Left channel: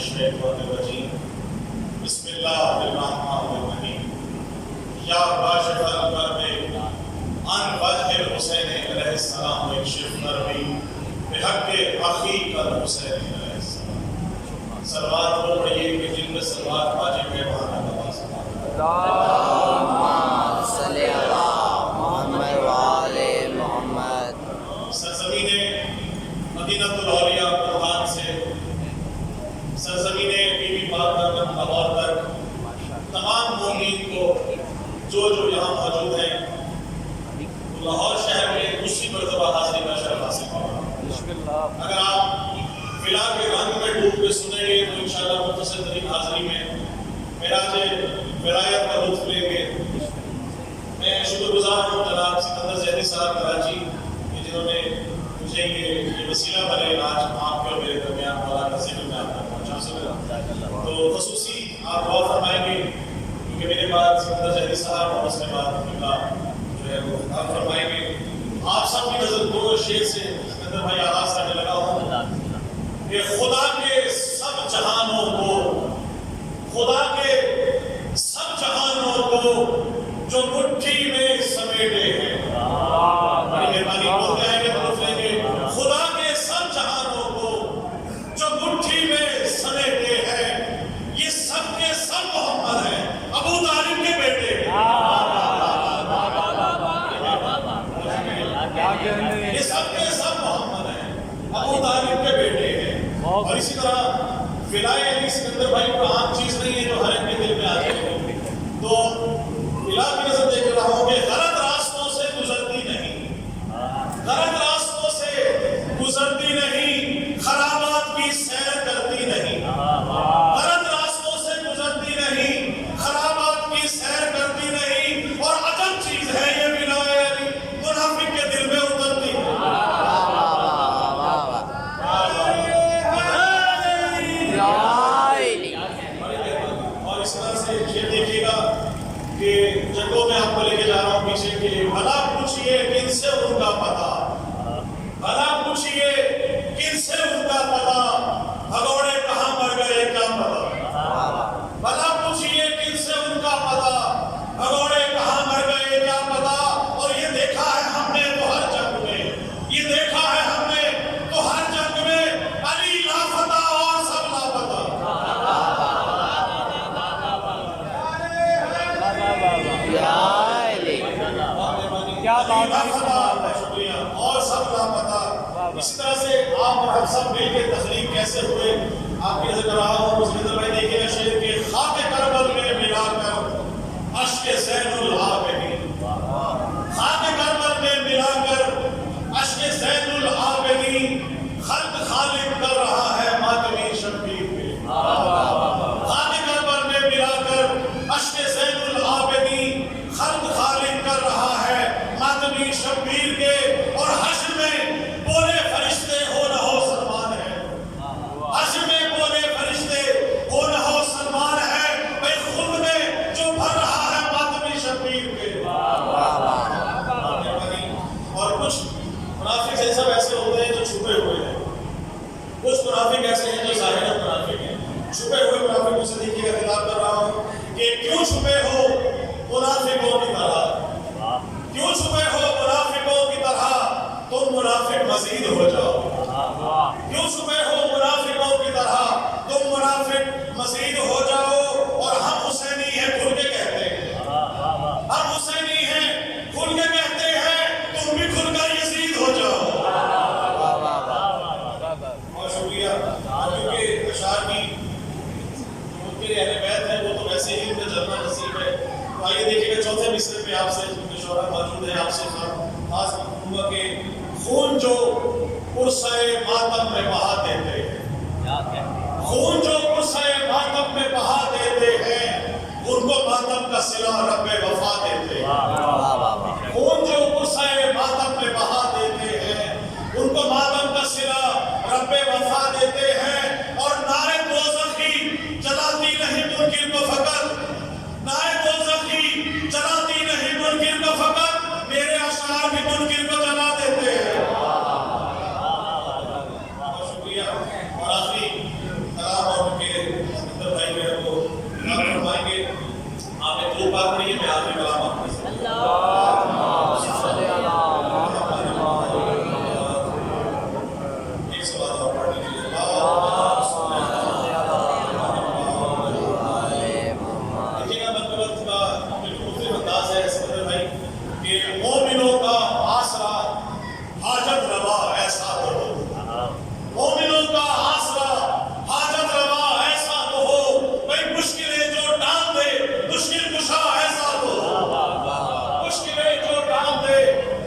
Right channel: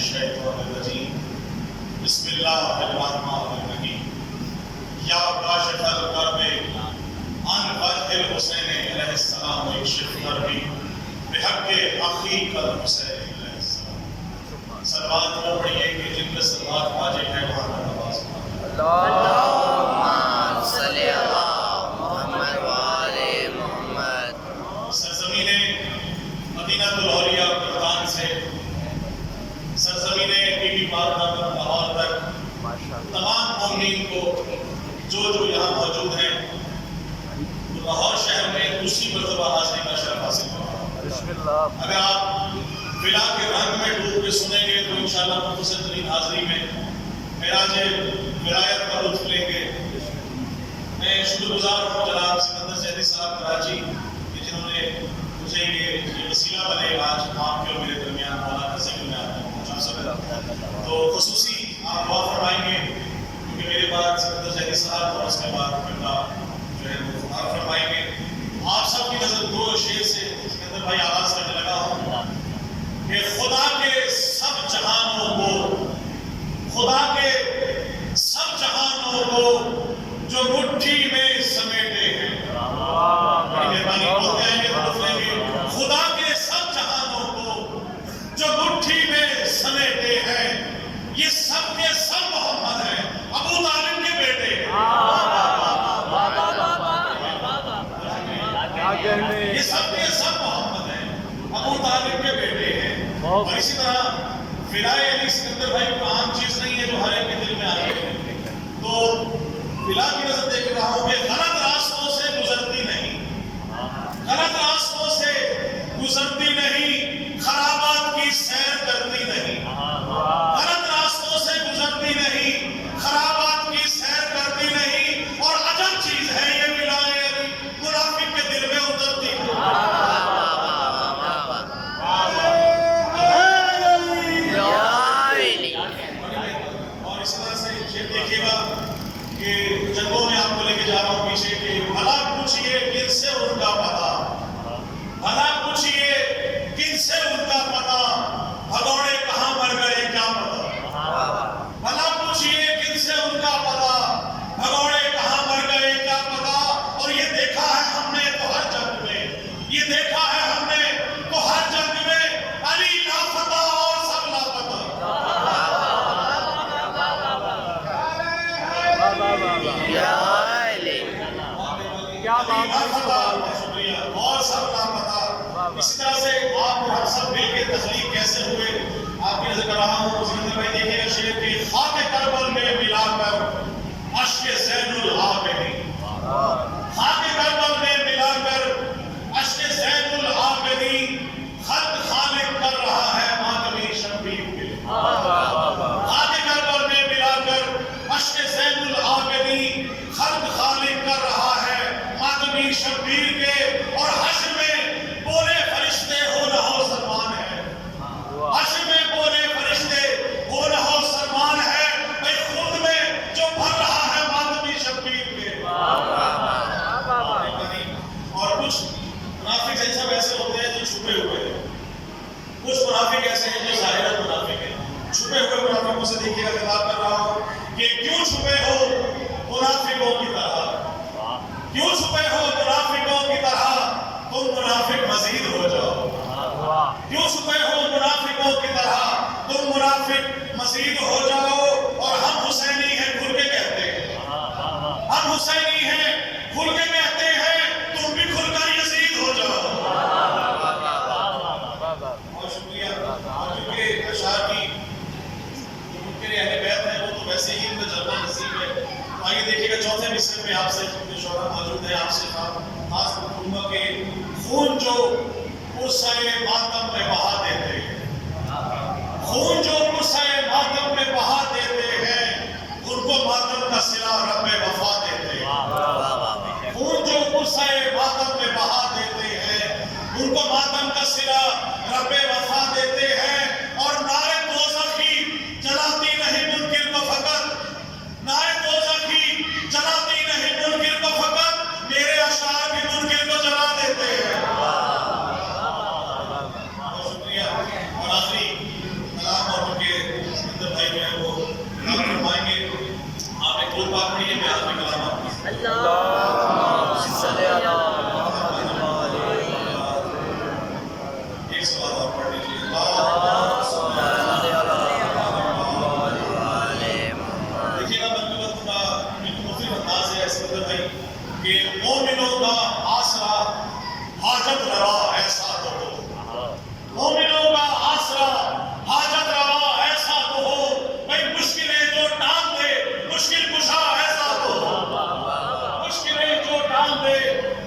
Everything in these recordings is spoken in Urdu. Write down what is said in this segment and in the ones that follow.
الشیطان الرجیم بسم اللہ الرحمن الرحیم یا کاشف الکرب عن وجہ الحسین علیہ السلام اکشف کربی بحق اخیک الحسین علیہ السلام. صلوات وہ پڑھیے کہ جن میں صلوات واجب ہے وہاں کا نواز اللہم صلی علی محمد وآل محمد. سرزمین مدینہ الاولیاء ملتان سے سرزمین بی بی پاک لاہور تک تمام مومنین کو جو یہاں موجود ہیں لاہور شہر میں دوسری مرتبہ حاضری کا شرف حاصل ہوگا. اگر آپ فلا کے رنگ میں ڈوب کے سنیں گے تو انشاءاللہ مختصر ترین حاضری میں معراج ولایت کا لطف لیں گے. میں شکر گزار ہوں جناب سکندر زیدی صاحب کراچی جنہوں نے مجھے یہ وسیلہ بنے آج آپ کے اور میرے درمیان مولا کا ذکر میں آپ کو پہنچا. تو خصوصی آپ دعا فرمائیں گے کیونکہ میرے بعد سکندر زیدی صاحب اور اس کے بعد جو ہے وہ آپ فرمائیں گے. آپ سب کی نظر دو شعر سے سکندر بھائی آواز کرنے لگا ہوں کہ خدا کے سب جہانوں کو، خدا کے سب جہانوں کو جو مٹھی میں سمیٹے ہیں. مہربانی بولتے ہیں کہ بولتے ہیں کہ خدا کے سب جہانوں کو جو مٹھی میں سمیٹے ہیں یہ سب کے سب محمد ہیں، ابو طالب کے بیٹے. یہ سب کے سب محمد ہیں، ابو طالب کے بیٹے ہیں. اور اسی طرح فلائے علی سکندر بھائی کو عام چیز نہیں ہے جو ہر ایک کے دل میں آ جائے. تو فلا کی نظر دیکھ رہا ہوں کہ غلط راستوں سے گزرتی نہیں، غلط راستوں سے گزرتی نہیں، خرابات کی سیر کرتی نہیں. غلط راستوں سے گزرتی نہیں، خرابات کی سیر کرتی نہیں. اور عجب چیز ہے یہ فلائے علی منافق کے دل میں اترتی ہے. اور اس طرح سے یہ دیکھیے گا کہ جنگوں میں آپ کو لے کے جا رہا ہوں پیچھے کہ بھلا پوچھئے کن سے ان کا پتہ، بھلا پوچھئے کن سے ان کا پتہ، بھگوڑے کہاں مر گئے کیا پتہ. بھلا پوچھئے کن سے ان کا پتہ، بھگوڑے کہاں مر گئے کیا پتہ. اور یہ دیکھا ہے ہم نے تو ہر جنگ میں، یہ دیکھا ہے ہم نے تو ہر جنگ میں علی لاپتہ اور سب لاپتہ. کیا بات ہے، شکریہ اور سب لاپتہ. اسی طرح سے آپ اور ہم سب مل کے تخلیق کیسے ہوئے آپ کی نظر کر رہا ہوں. سکندر بھائی دیکھیے گا شعر کے خاک کربل میں ملا کر اشک زین العابدین، خاک کربل میں ملا کر اشک زین العابدین خط خالق کر رہا ہے ماتمی شبیر کے. خاک کربل میں ملا کر اشک زین العابدین خط خالق کر رہا ہے ماتمی شبیر کے. اور حشر میں بولے فرشتے ہو نہ ہو سلمان ہے، حشر میں بولے فرشتے ہو نہ ہو سلمان ہے. بھائی خود میں جو بھر رہا ہے ماتمی شبیر کے. اور کچھ منافق جیسا ایسے ہوتے ہیں جو چھپے ہوئے ہیں، کچھ منافق ایسے ہیں جو ظاہرت منافق ہیں. چھپے ہوئے منافقوں سے دیکھیے گا خطاب کر رہا ہوں کہ کیوں چھپے ہو منافقوں کی طرح، کیوں چھپے ہو منافقوں کی طرح، تم منافق مزید ہو جاؤ. کیوں چھپے ہو منافقوں کی طرح، تم منافق مزید ہو جاؤ. اور ہم حسینی ہیں کھل کے کہتے ہیں، ہم حسینی ہیں کھل کے کہتے ہیں، تم بھی کھل کر یزید ہو جاؤ. اور شکریہ کیونکہ اشعار کی ممکن اہل بیت ہے وہ تو ویسے ہی ان کا جلنا نصیب ہے. تو آئیے دیکھیے گا چوتھے مصرے میں آپ سے شعراء موجود ہیں، آپ سے خاص کروں گا کہ خون جو پرسۂ ماتم میں بہا دیتے ہیں، خون جو پرسۂ ماتم میں بہا دیتے ہیں ان کو ماتم کا صلہ رب وفا دیتے ہیں. خون جو پرسۂ ماتم میں بہا دیتے ہیں ان کو ماتم کا صلہ رب وفا دیتے ہیں. اور نعرے دوزخی جلاتی نہیں منکر کو فقط، نعرے دوزخی جلاتی نہیں منکر کو فقط، میرے اشعار بھی منکر کو جلا دیتے ہیں. شکریہ. اور آخری کلام اور ان کے درود پاک پڑھیے، نیاز میں کلام آپ کی اللہم صلی علی محمد ایک سوال اور پڑھ لیجیے. دیکھیے گا منقبت کا بالکل مختلف انداز ہے سعادت بھائی کہ مومنوں کا آسرا حاجت روا ایسا تو ہو، مومنوں کا آسرا حاجت روا ایسا تو ہو، بھائی مشکلیں جو ٹال دے مشکل کشا ایسا تو ہو، مشکلیں جو ٹال دے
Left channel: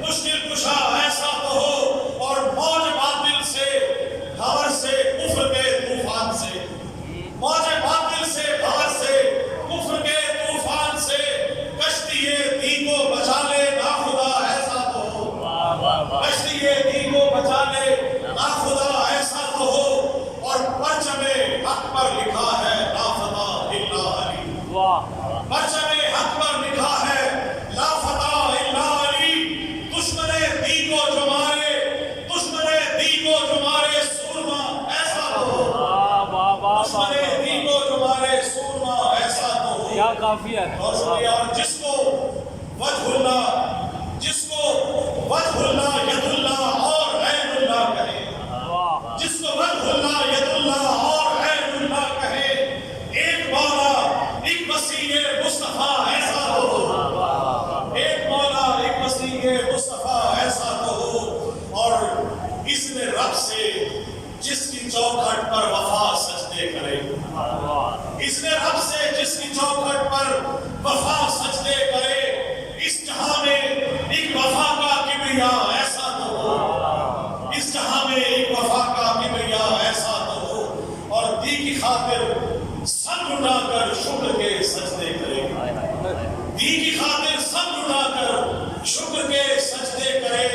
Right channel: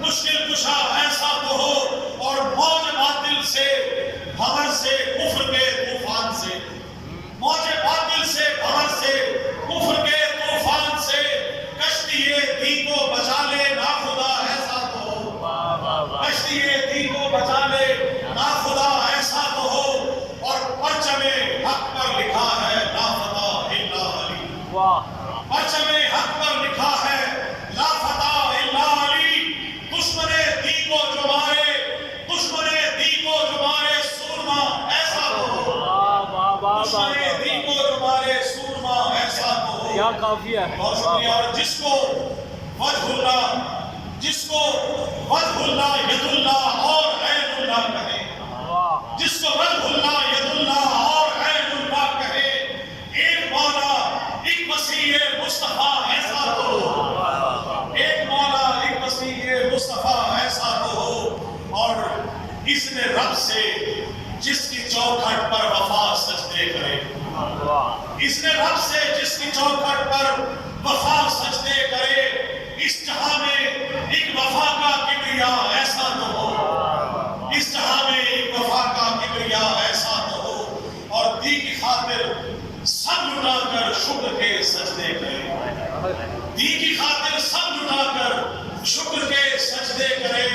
مشکل کشا ایسا تو ہو، اور موج باطل سے بھور سے کفر کے طوفان سے، موج باطل سے بھور سے کفر کے طوفان سے کشتی دین کو بچا لے ناخدا ایسا تو ہو، کشتی دین کو بچا لے ناخدا ایسا تو ہو، اور پرچم حق پر لکھا ہے لا فتح الا علی، پرچم حق پر لکھا ہے لا فتح الا علی. دشمن دین کو جو مارے، دشمن دین کو جو مارے سورما ایسا تو ہو، دشمن دین کو جو مارے سورما ایسا تو ہو. کیا کافیہ ہے. اور جس کو وجہ اللہ، جس کو وجہ اللہ ید اللہ اور عین اللہ کہے، جس کو وجہ اللہ ید اللہ اور عین اللہ کہے، ایک مولا ایک مسیح مصطفیٰ ایسا تو ہو، ایک مولا ایک مسیح مصطفیٰ ایسا تو ہو. اور اس نے رب سے جس کی چوکھٹ پر وفا سجدے کرے، اس نے رب سے جس کی چوکھٹ پر وفا سجدے کرے، اس جہاں میں ایک وفا کا کبریا ایسا تو ہو، اس جہاں میں ایک وفا کا کبریا ایسا تو ہو، اور دی کی خاطر سب لٹا کر شکر کے سجدے کرے، دی کی خاطر سب لٹا کر شکر کے سجدے کرے،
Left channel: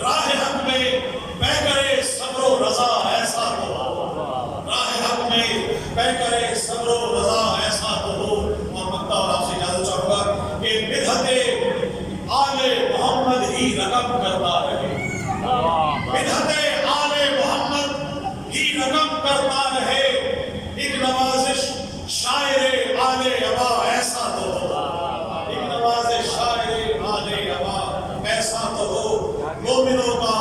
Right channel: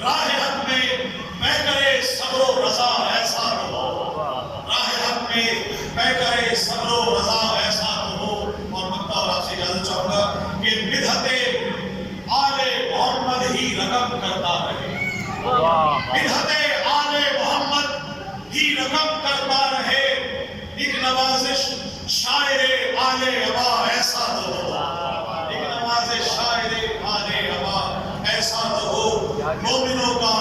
راہ حق میں بہ کرے صبر و رضا ایسا تو ہو، راہ حق میں بہ کرے صبر و رضا ایسا تو ہو. اور مکتا اور آپ سے اجازت چاہوں گا کہ بدعت آل محمد ہی رقم کرتا رہے، بدعت آل محمد ہی رقم کرتا رہے. ایک نوازش شاعر آل ابا ایسا تو ہو، ایک نوازش شاعر آل ابا ایسا تو ہو. مومنوں کا